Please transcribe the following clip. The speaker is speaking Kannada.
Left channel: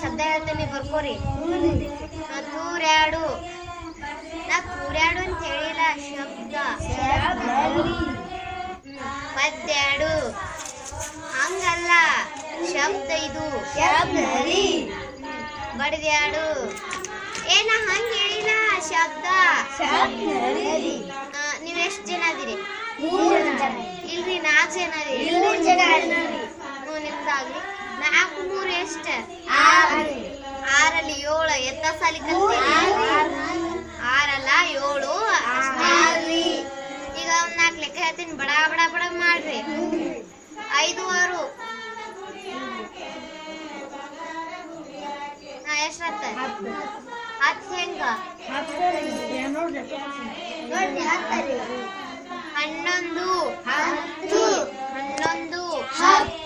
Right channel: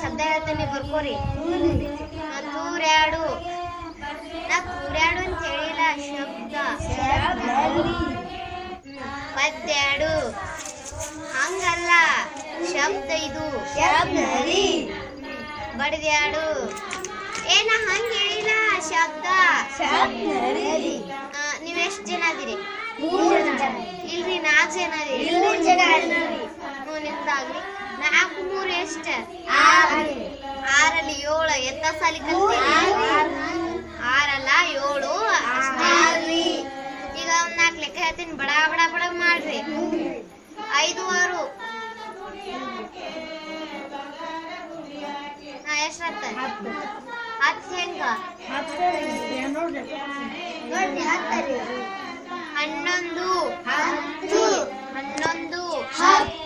ಶಬ್ದ ಹೇಳ್ತೇನೆ ಬರ್ಕೋರಿ. ತೂರ್ಯಾಡು. ನಾ ತೂರ್ಯಾಡು ಅಂತ ಹೇಳಿಲ್ಲ, ಶಬ್ದ. ಪದ್ಯಾಡು ಹಂಗಲ್ಲ, ಶಬ್ದ ಇದು. ಬಡ್ದ್ಯಾಡು ಏನ ಹಂಗ ಹೇಳಿಲ್ಲ, ಶಬ್ದ. ನೀವೆಷ್ಟ್ ಜನ ಅದೀರಿ? ಇಲ್ರಿ 4 ಜನ ಅದೀರಿ. ನಿಮ್ದಾಗ್ಲಿ 4 3 ಎಷ್ಟ? 6ರಲ್ಲಿ 7 ಎತ್ತ ಸಾಲಿ ಕಲ್ತೀರಿ? 6 ಅಲ್ಲ 7 ಅಷ್ಟೇ. ಈಗ ಒಂದ್ 4 ಲೆಕ್ಕ ಹೇಳ್ತೀನಿ, ಬಡ ಬಡ ಬಡ ಮಾಡ್ರಿ. 5 6 ಎಷ್ಟಾತ? 10 ಹೆಂಗ? 11 11 10